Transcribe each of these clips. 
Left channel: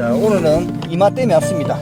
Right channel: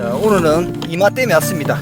자, 오늘은 이마 댐에 왔습니다.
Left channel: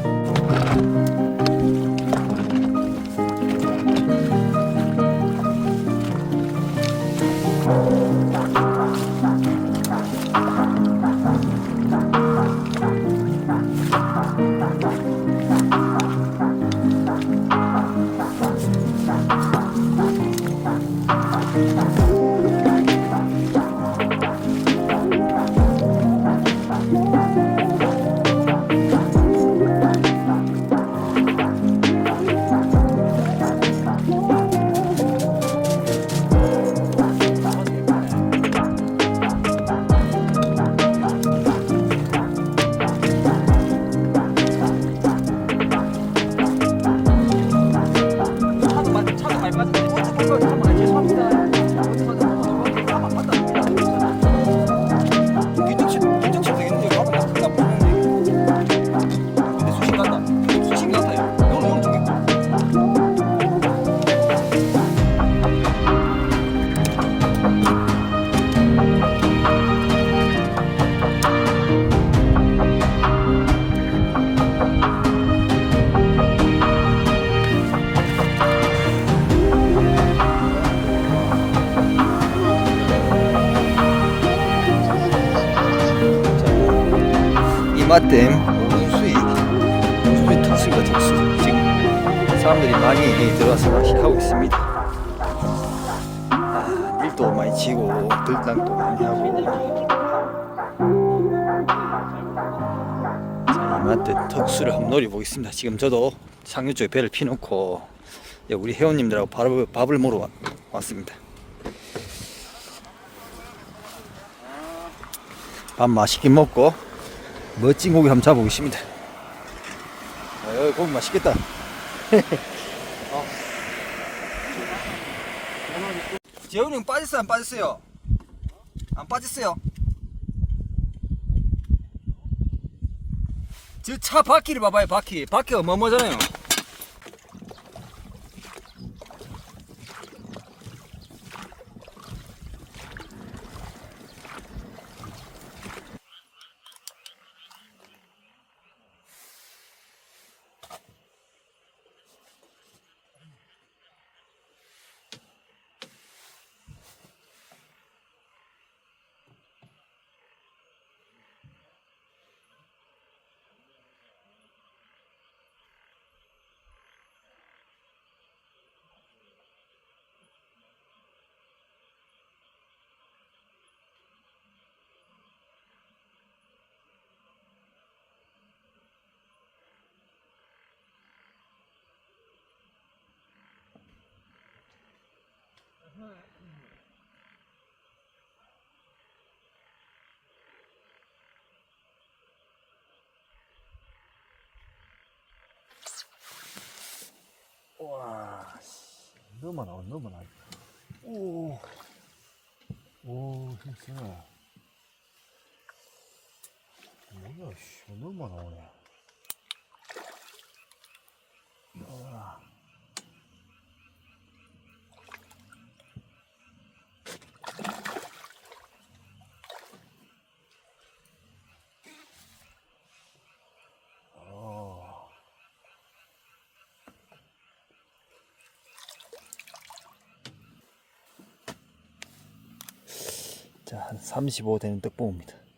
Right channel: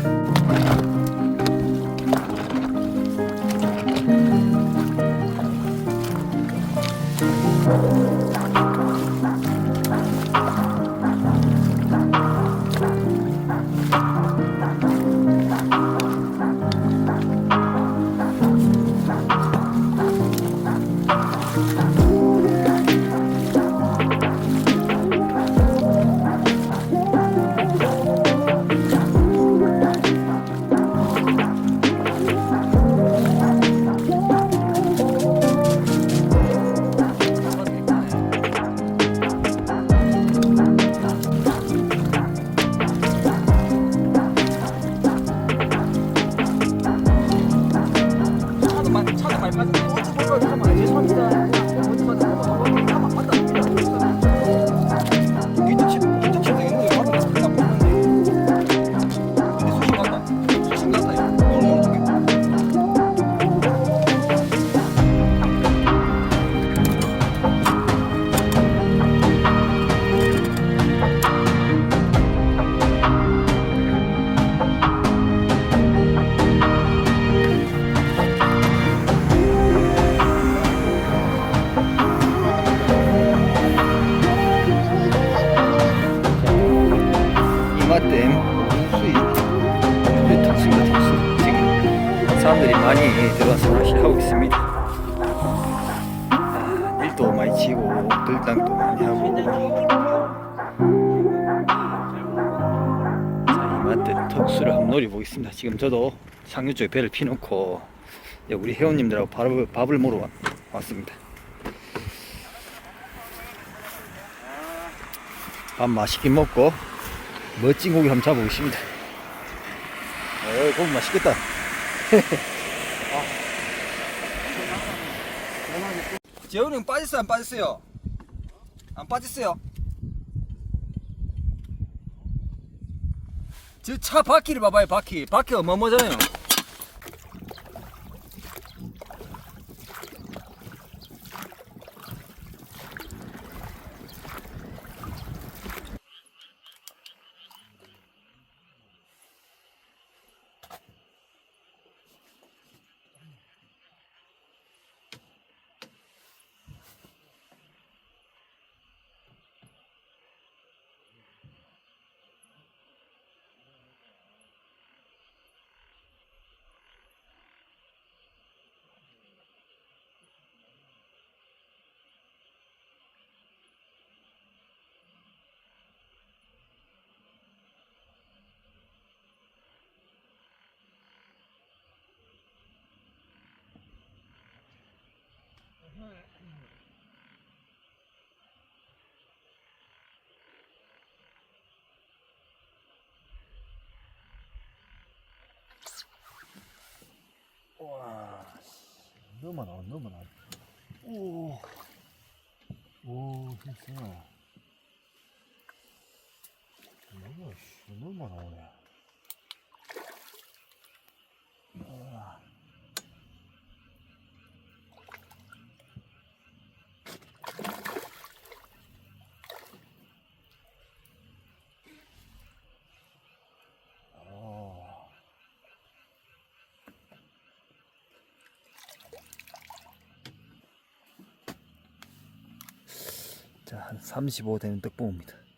이마댐 오른수익 오른수익 특수입니다 특수? 지금 사람들이 많이 들어와서 낚시를 하고 있습니다. 아, 밀도 많이 치고 들당도 많이 하고 자, 이마댐 특수를 한번 노려보겠습니다. 지금 저도 상류 쪽에 배를 피놓고 예, 우리 회원님들하고 밥을, 밥을 먹으러 와- 왔습니다. 밥 맛있게 먹고 멋진 고기 한번 잡아보겠습니다. 어, 고기 맛있겠다. 재훈이 형 빠졌어요? 안 빠졌어요? 안 빠졌어요? 저 차 바퀴를 봐봐요, 바퀴. 바퀴가 뭐뭐잖아요. 와, 너무 나와, 너무 나와. 오, 오, 힘세. 뭐야, 씨, 너무 나오네. 와. 어. 자, 한 35 되는 떡봉입니다.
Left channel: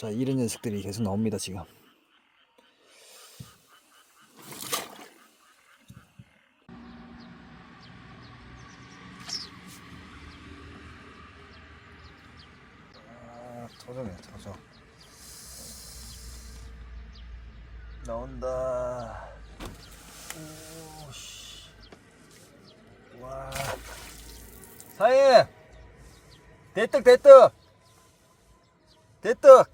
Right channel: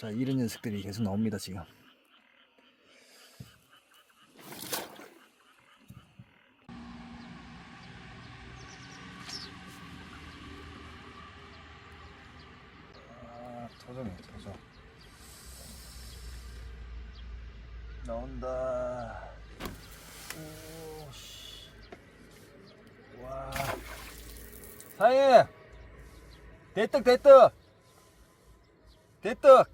자, 이런 녀석들이 계속 나옵니다, 지금. 아, 도전해, 도전. 나온다. 오, 씨. 와. 사이! 대떡, 대떡! 대떡!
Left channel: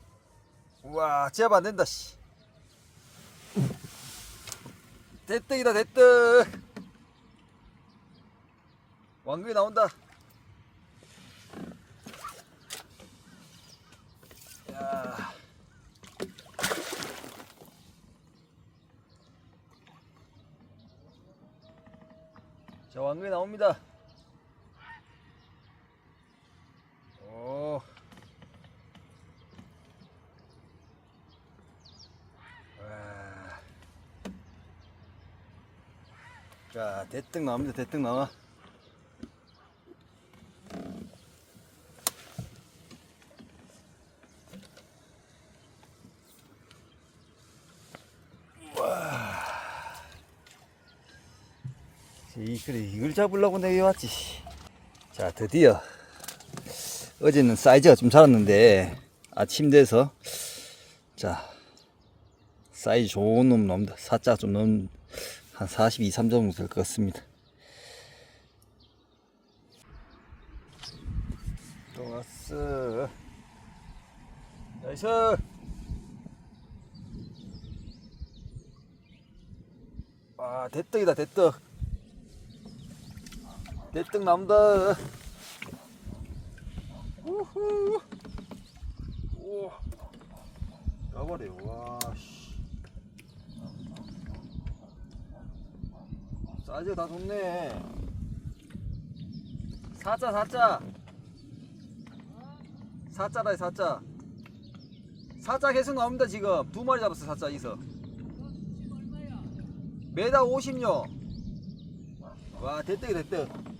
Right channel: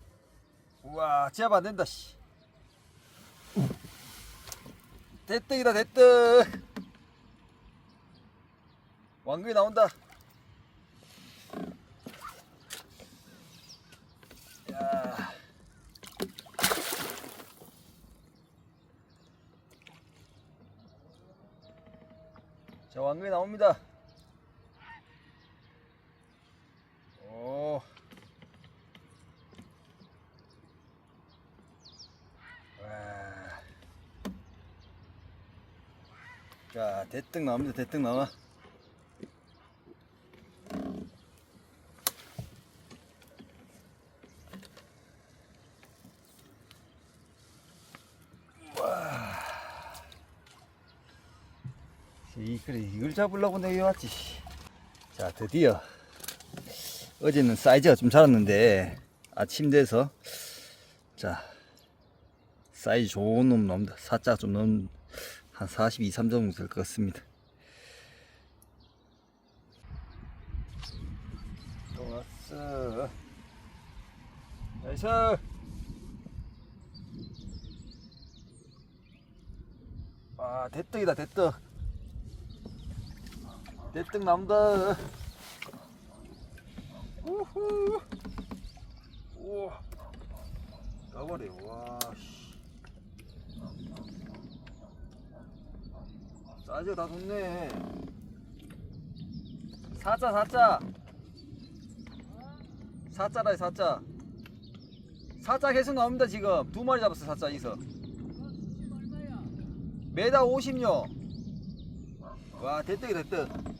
우와, 제압 안 된다, 씨. 대떡이다, 대떡! 왕금이 나온다. 야. 자, 왕근이 나옵니다. 오. 와. 자, 대떡 나옵니다. 대떡 나와. 이 그래 이걸 잡으려고 내가 왔지. 자 드디어 어제는 사이즈가 좀 작았는데 아침 돼서 자 사이즈 좋은 놈 나옵니다. 사자 좀 넘, 한 42, 3 정도 될 것 같습니다. 또 왔어. 나이스. 아 대떡이다 대떡. 대떡 나온다. 우후. 오. 나버려. 와. 씨. 사이즈 다 좋네. 사자 사자. 사자다 사자. 사자 계속 나옵니다 지금 두 마리 잡았어 사자 이서. 매달 50요. 와 대떡이 대떡.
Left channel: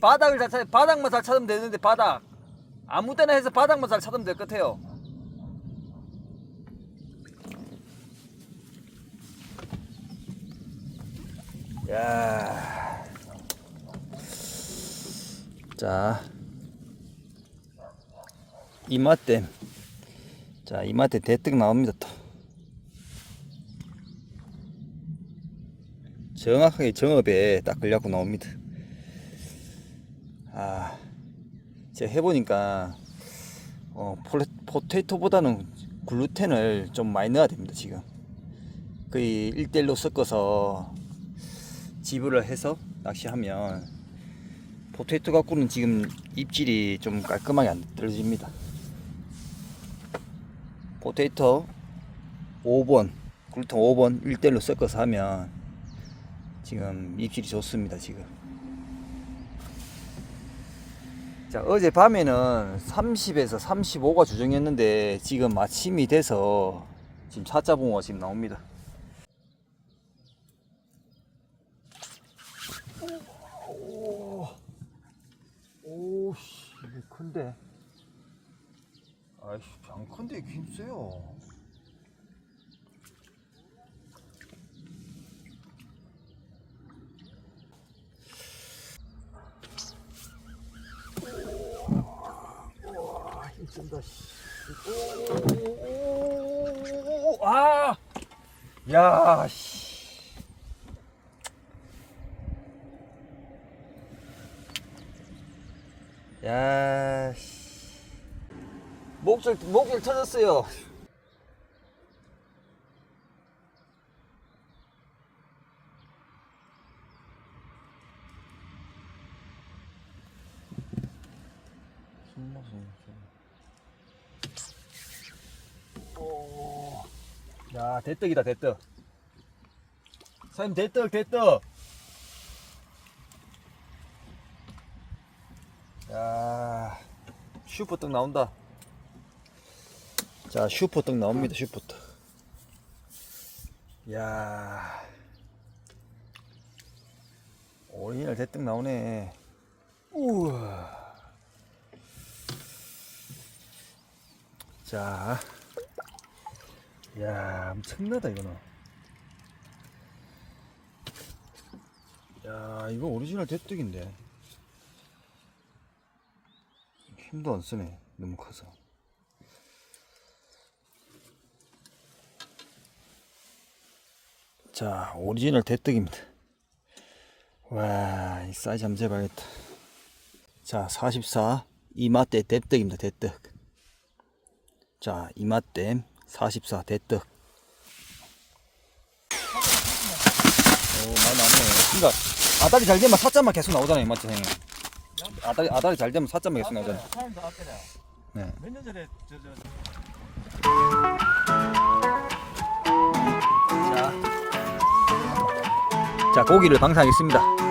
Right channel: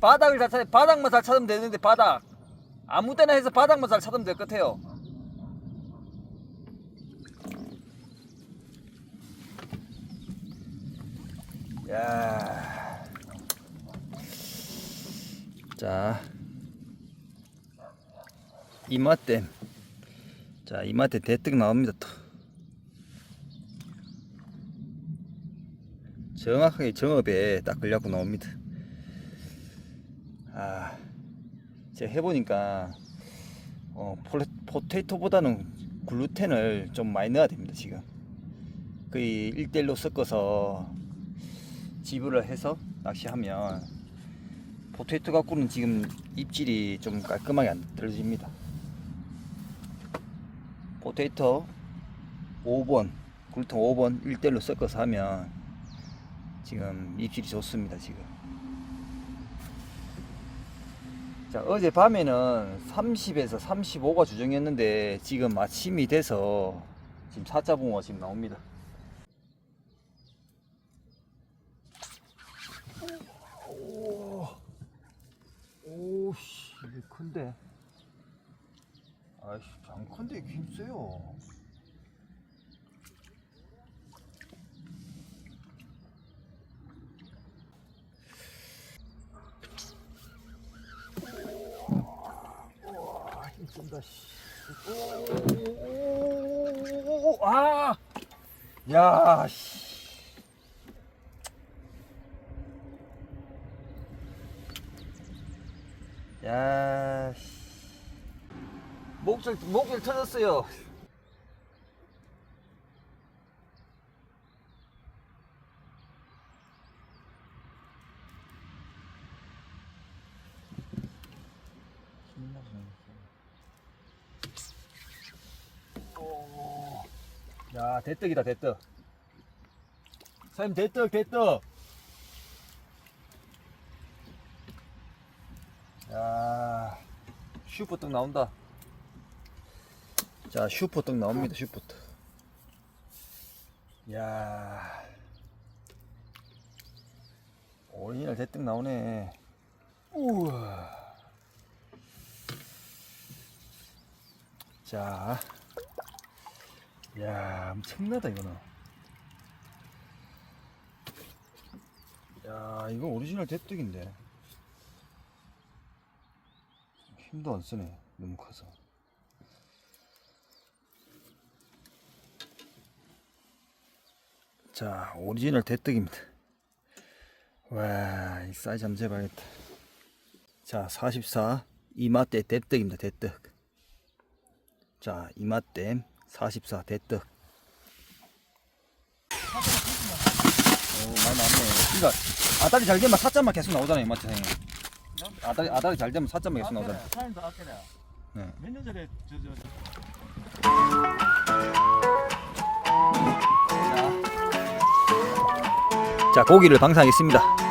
바닥을 잘 찾, 바닥만 잘 찾으면 되는데 바닥 아무 때나 해서 바닥만 잘 찾으면 될 것 같아요. 야. 자. 이맛댐. 자, 이맛댐 대떡 나옵니다, 또. 정확하게 정업에 딱 걸려고 나옵니다. 아, 제가 해보니까 어, 폴레, 포테이토보다는 글루텐을 좀 많이 넣어야 됩니다 지금. 거의 1대1로 섞어서 지불을 해서 낚시하면 포테이토 갖고는 지금 입질이 좀 깔끔하게 안 떨어집니다. 포테이토 5번 글루텐 5번 1대1로 섞어서 하면 지금 입질이 좋습니다 지금 자, 어제 밤에는 30에서 35가 주정이었는데 지금 아침이 돼서 지금 사자 붕어가 지금 나옵니다. 오, 오, 씨, 이게 큰데. 아이씨, 안 큰데 힘 세요. 와, 힘쓴다, 씨. 오, 아! 야, 씨. 야, 씨. 목줄, 목줄 터졌어요. 신나서 오. 야, 대떡이다, 대떡. 사장님, 대떡, 대떡. 야, 슈퍼떡 나온다. 자, 슈퍼떡 나옵니다, 슈퍼떡. 야. 오리지널 대떡 나오네. 우와. 자. 야, 엄청나다 이거는. 야, 이거 오리지널 대떡인데. 힘도 안 쓰네. 너무 커서. 자, 오리지널 대떡입니다. 와, 이 사이즈 한번 재봐야겠다. 자, 44 이마대 대떡입니다. 대떡. 자, 이마댐 44 대떡. 오, 많이 나왔네. 그러니까 아다리 잘 되면 사자만 계속 나오잖아요, 맞죠, 형님? 아다리 아다리 잘 되면 사자만 계속 나오잖아요. 네. 몇년 전에 저 저 자, 자 고기를 방사하겠습니다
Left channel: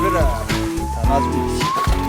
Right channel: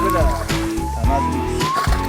这个咱妈住一